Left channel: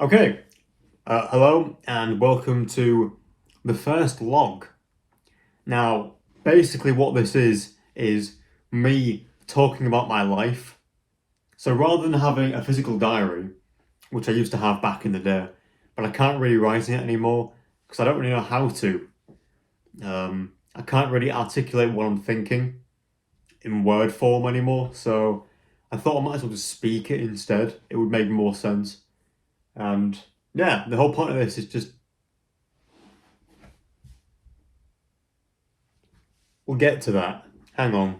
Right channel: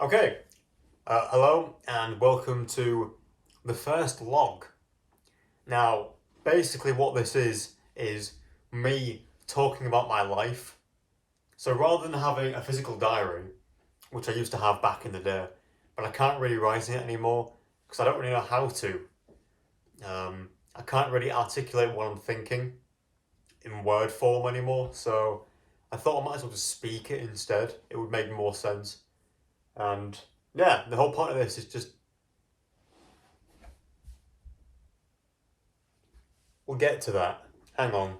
Okay, hello and welcome to the first log. Now, basically, what this is me talking about my life. So rather than having a physical diary, which I used to have back in the day, but I can't really write in it anymore because I don't really know how to. I can't really articulate what I'm thinking in word form anymore, so I thought I might as well just speak it instead. It would make more sense. And yeah, the whole point of this is just we'll get to that. Hang on.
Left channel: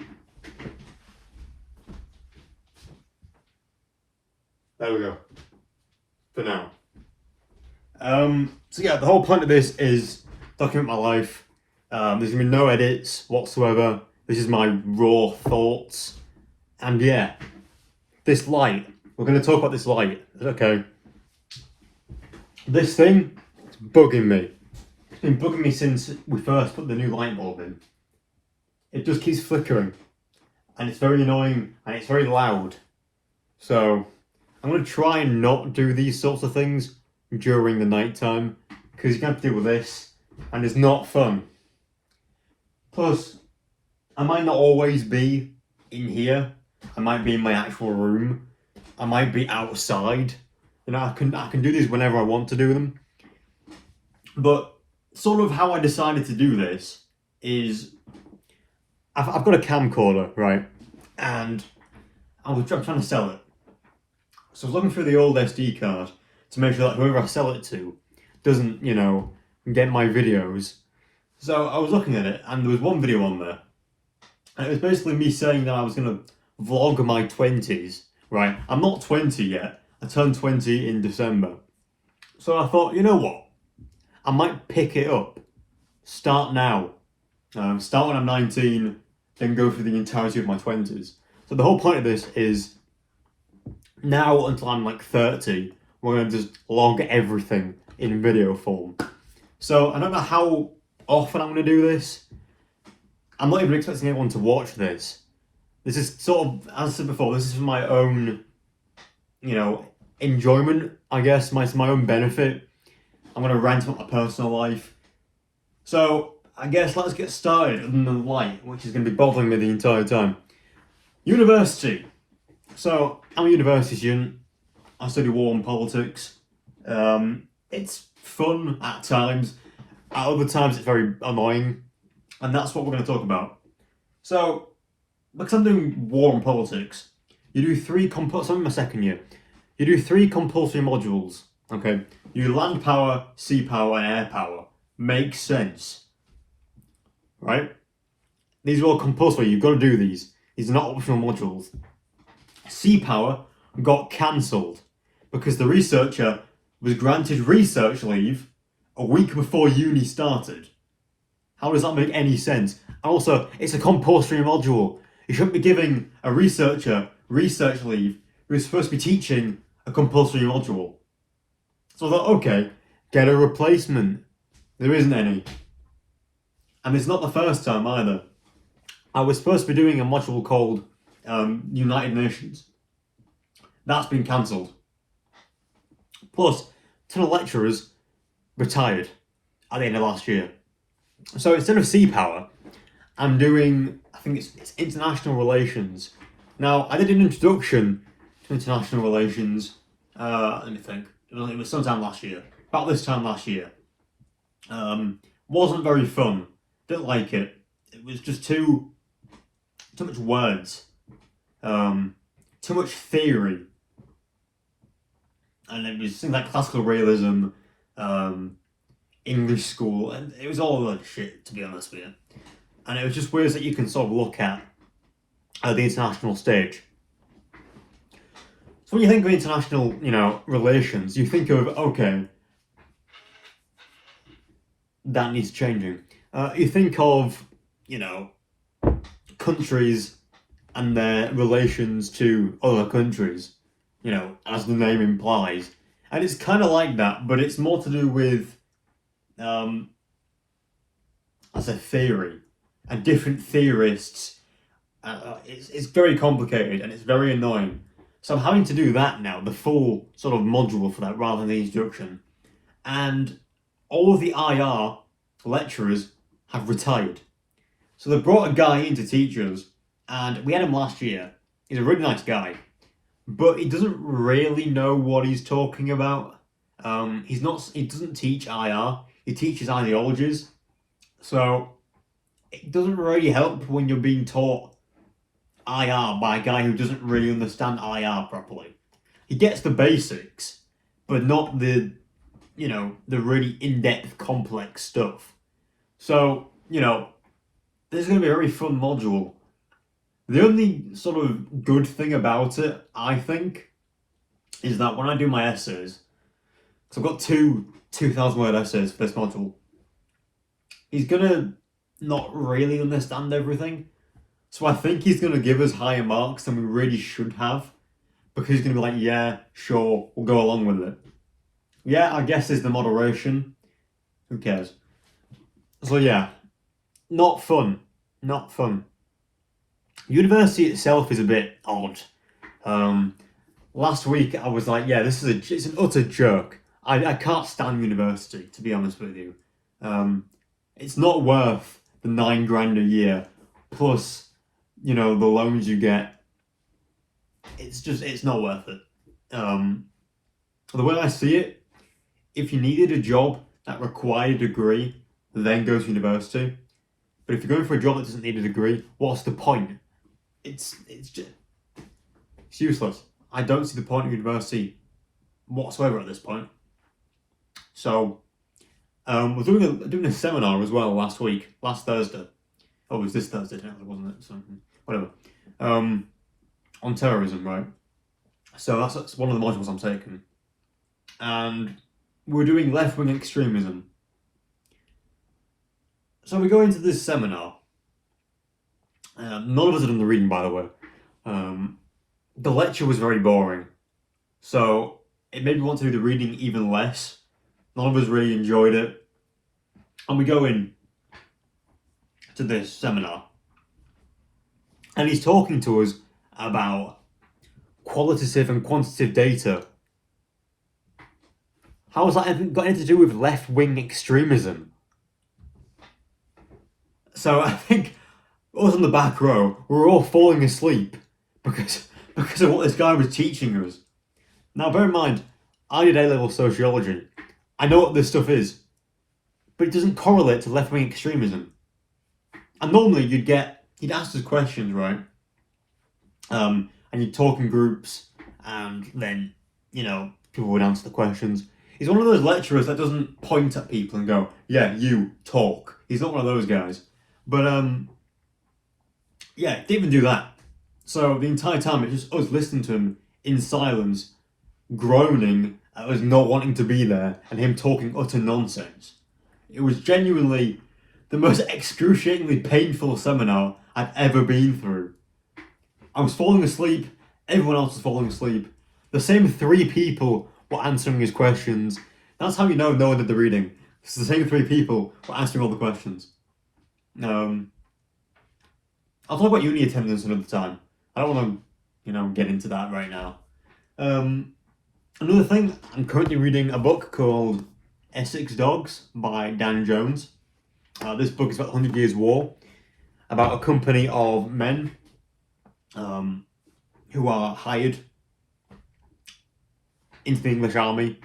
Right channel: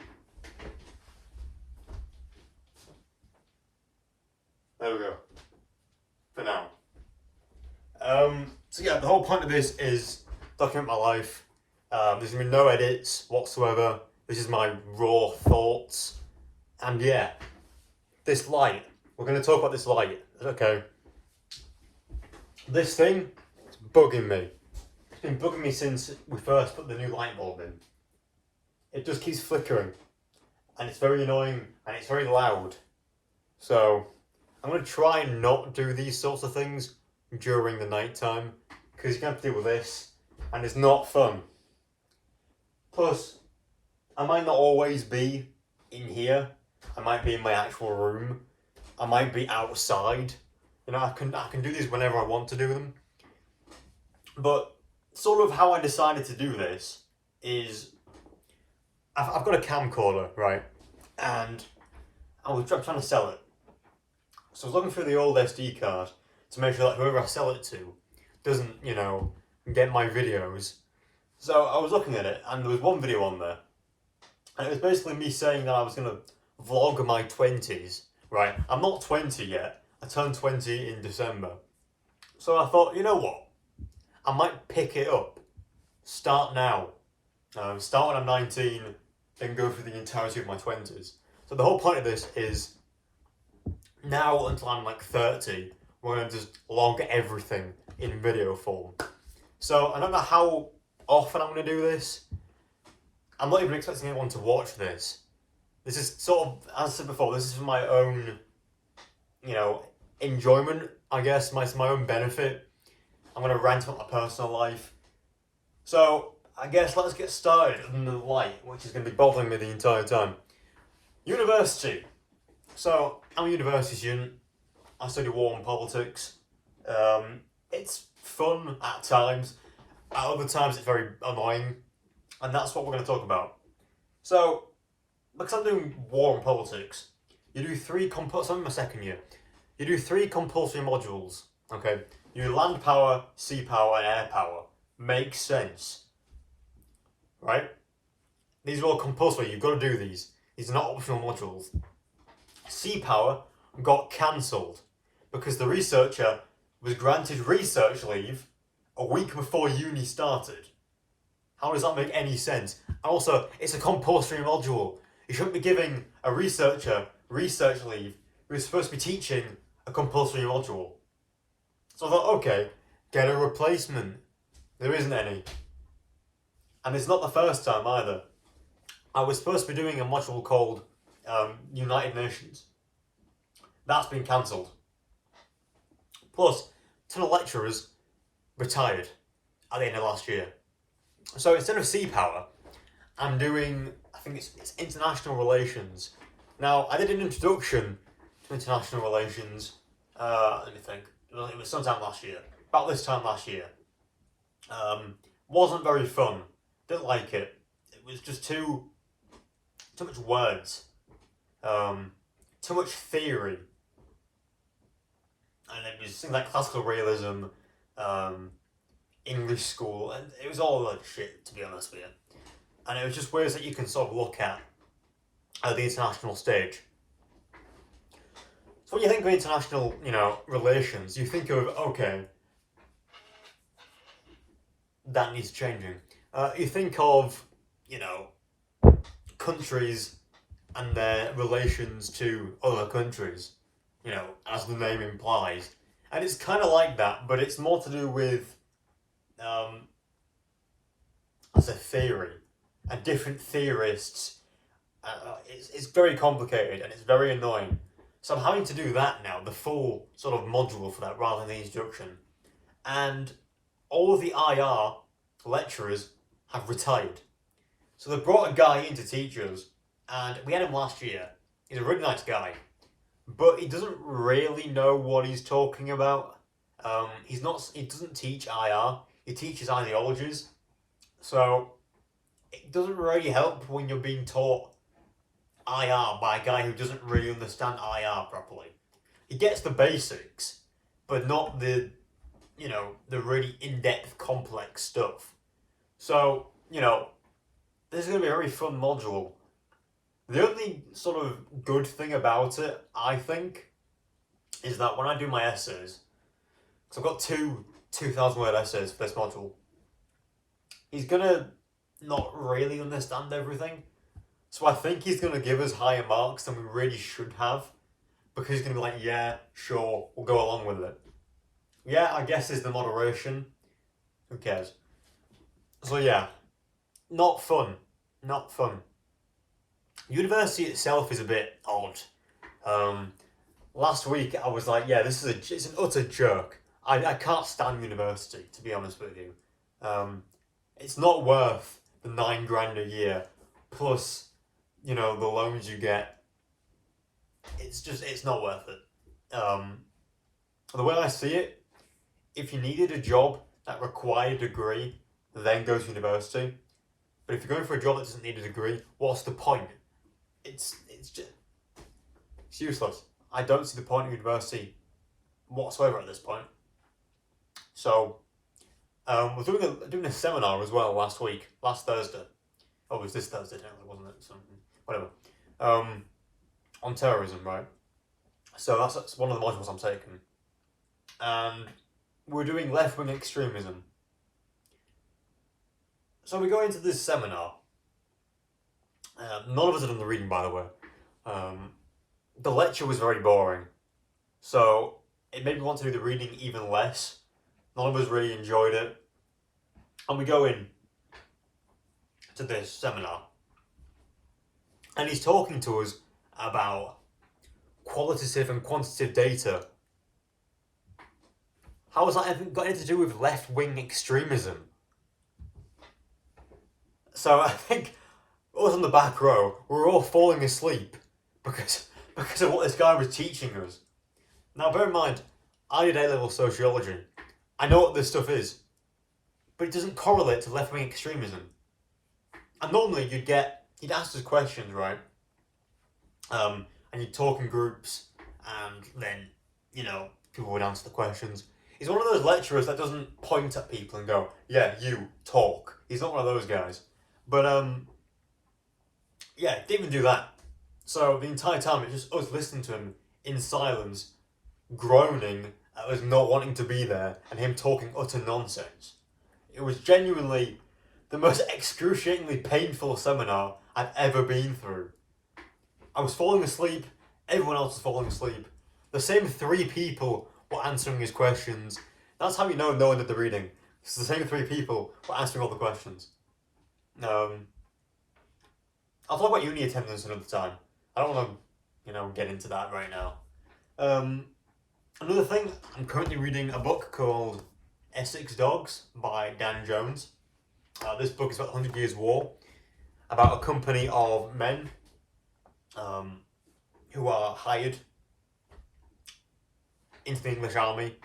There we go. For now. So yeah, the whole point of this is document my life. There's gonna be no edits whatsoever. This is my raw thoughts. And yeah, this light. We're gonna talk about this light. Okay. This thing, it's bugging me. It's been bugging me since we first put the new light bulb in. It just keeps flickering. And it's very annoying and it's very loud. So I'm going to try and not do these sorts of things during the night time because you have to deal with this and it's not fun. Plus, I might not always be in here. I might be in my actual room. I might be outside. You know, I can do these whenever I want to do them. But sort of how I decided to do this is I've got a camcorder, right? And I'm trying to sell it. So I was looking through the old SD card to make sure that whoever I sell it to doesn't, get my videos. So I was looking at it, and there was one video on there, and it was basically me saying that I was going to vlog my 20s, right? I'm not 20 yet. I turned 20 in December. So I thought, you know what? I might pick it up. Start now. Start when I'm 19, then go through the entirety of my 20s. So the whole point of this is now until I'm like 30, we're going to just log everything in video form. So I don't know how often I'm going to do this. I'm not even expecting anyone to watch this. This is sort of, as I said before, this is for my own, enjoyment, I guess, my own benefit. I'm going to rant about my personal life. So I guess let's get started on the light, which is going to be bothering me the entire time. University. So I'm a university student. I study war and politics. It's fun at times. At other times, it's very annoying, and that's what we're going to talk about. So, because I'm doing war and politics, you do so I'm in my second year. You do three compulsory modules. Okay, you do land power, sea power, and air power. Makes sense, right? These are all compulsory. You've got to do these. These are not optional modules. Sea power got cancelled because the researcher was granted research leave a week before uni started. How does that make any sense? And also, it's a compulsory module. You shouldn't be giving a researcher research leave who's supposed to be teaching a compulsory module. So I thought, okay, get a replacement. There isn't any. And it's not the first time either. I was supposed to be doing a module called United Nations. That's been cancelled. Plus, a ton of lecturers retired at the end of last year. So instead of sea power, I'm doing, I think it's international relations. Now, I did an introduction to international relations, let me think, it was sometime last year, about this time last year. Wasn't very fun, didn't like it. It was just too much words, too much theory. And it was things like classical realism, English school, and it was all like shit, to be honest with you. And it was just words that you can sort of look at the international stage. So when you think of international, relations, you think of, okay, that needs changing. You think of, countries and their relations to other countries, as the name implies. And it's kind of like that, but it's more to do with, as a theory, and different theorists. It's very complicated and it's very annoying. So I'm having to do that now, the full sort of module for that rather than the introduction. And all of the IR lecturers have retired. So they brought a guy in to teach us, and we had him last year. He's a really nice guy, but he doesn't really know what he's talking about. He doesn't teach IR, he teaches ideologies. So it doesn't really help when you're being taught IR by a guy who doesn't really understand IR properly. He gets the basics, but not the really in-depth, complex stuff. So, this is going to be a very fun module. The only sort of good thing about it, I think, is that when I do my essays, because I've got two 2,000-word essays for this module, he's going to not really understand everything. So I think he's going to give us higher marks than we really should have, because he's going to be like, yeah, sure, we'll go along with it. Yeah, I guess is the moderation. Who cares? So yeah, not fun. Not fun. University itself is a bit odd. Last week I was like, yeah, it's an utter joke. I can't stand university, to be honest with you. It's not worth the $9,000 a year, plus, the loans you get. It's not worth it. The way I see it, if you needed a job that required a degree, then go to university. But if you're going for a job that doesn't need a degree, what's the point? It's useless. I don't see the point of university whatsoever at this point. So, we're doing a seminar as well last Thursday. Oh, it was this Thursday, wasn't it? So, whatever. On terrorism, right? So that's one of the modules I'm taking. And we're doing left-wing extremism. So we go into this seminar. None of us had done the reading, by the way. The lecture was very boring. So it made me want to do the reading even less. None of us really enjoyed it. And we go in to this seminar. And he's talking to us about qualitative and quantitative data. How has that got anything to do with left-wing extremism? So I think us on the back row, we were all falling asleep because of what this guy was teaching us. Now bear in mind, I did A-level sociology. I know what this stuff is, but it doesn't correlate to left-wing extremism. And normally he'd ask us questions, right? And you'd talk in groups, and then, people would answer the questions. He's one of those lecturers that doesn't point at people and go, yeah, you talk. He's not one of those guys. But, yeah, didn't even do that. So the entire time, it's just us listening to him in silence, groaning at us not wanting to be there, and him talking utter nonsense. It was genuinely the most excruciatingly painful seminar I've ever been through. I was falling asleep, everyone else was falling asleep. The same 3 people were answering his questions. That's how you know no one did the reading. It's the same 3 people were answering all the questions. I'll talk about uni attendance another time. I don't want to, get into that right now. Another thing, I'm currently reading a book called Essex Dogs by Dan Jones. This book is about the 100 Years' War, about a company of men who are hired into the English army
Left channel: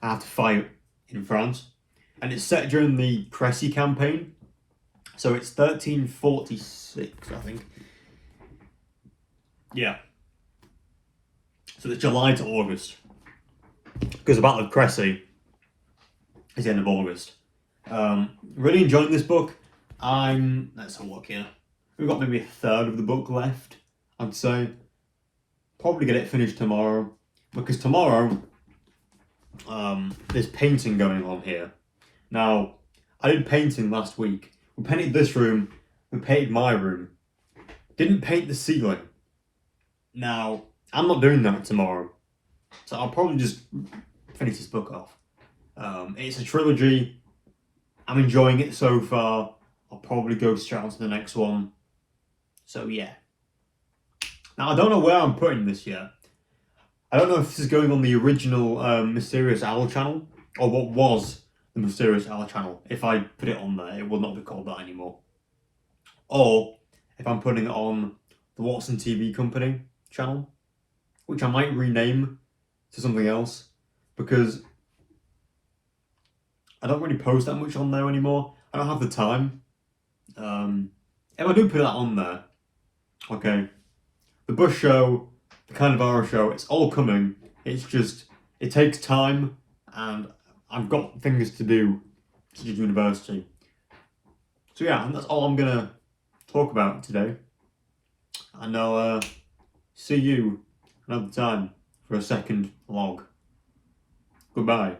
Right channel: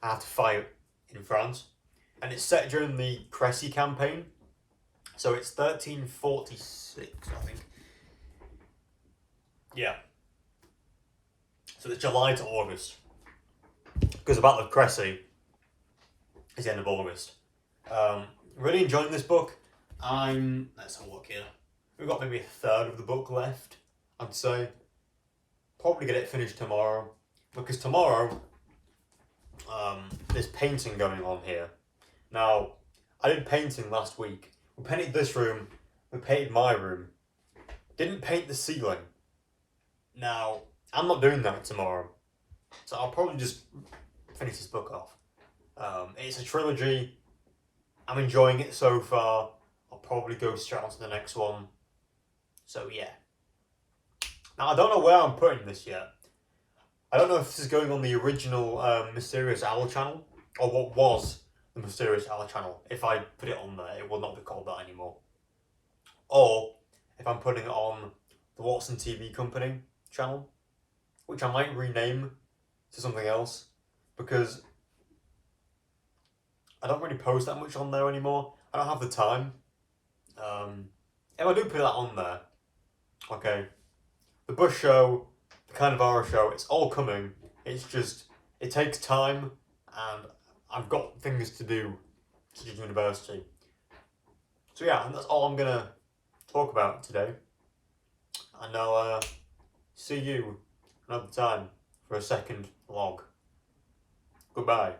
and have to fight in France. And it's set during the Crécy campaign. So it's 1346, I think. Yeah. So it's July to August. Because the Battle of Crécy is the end of August. Really enjoying this book. Let's have a look here. We've got maybe a third of the book left, I'd say. Probably get it finished tomorrow. Because tomorrow, there's painting going on here. Now, I did painting last week. We painted this room, we painted my room. Didn't paint the ceiling. Now, I'm not doing that tomorrow. So I'll probably just finish this book off. It's a trilogy. I'm enjoying it so far. I'll probably go straight on to the next one. So yeah. Now, I don't know where I'm putting this yet. I don't know if this is going on the original Mysterious Owl channel, or what was the Mysterious Owl channel. If I put it on there, it will not be called that anymore. Or if I'm putting it on the Watson TV Company channel, which I might rename to something else, because I don't really post that much on there anymore. I don't have the time. If I do put that on there, okay, the Bush Show, the Kind of Horror Show, it's all coming. It's just, it takes time, and I've got things to do, such as university. So yeah, and that's all I'm gonna talk about today. And I'll see you another time for a second vlog. Goodbye.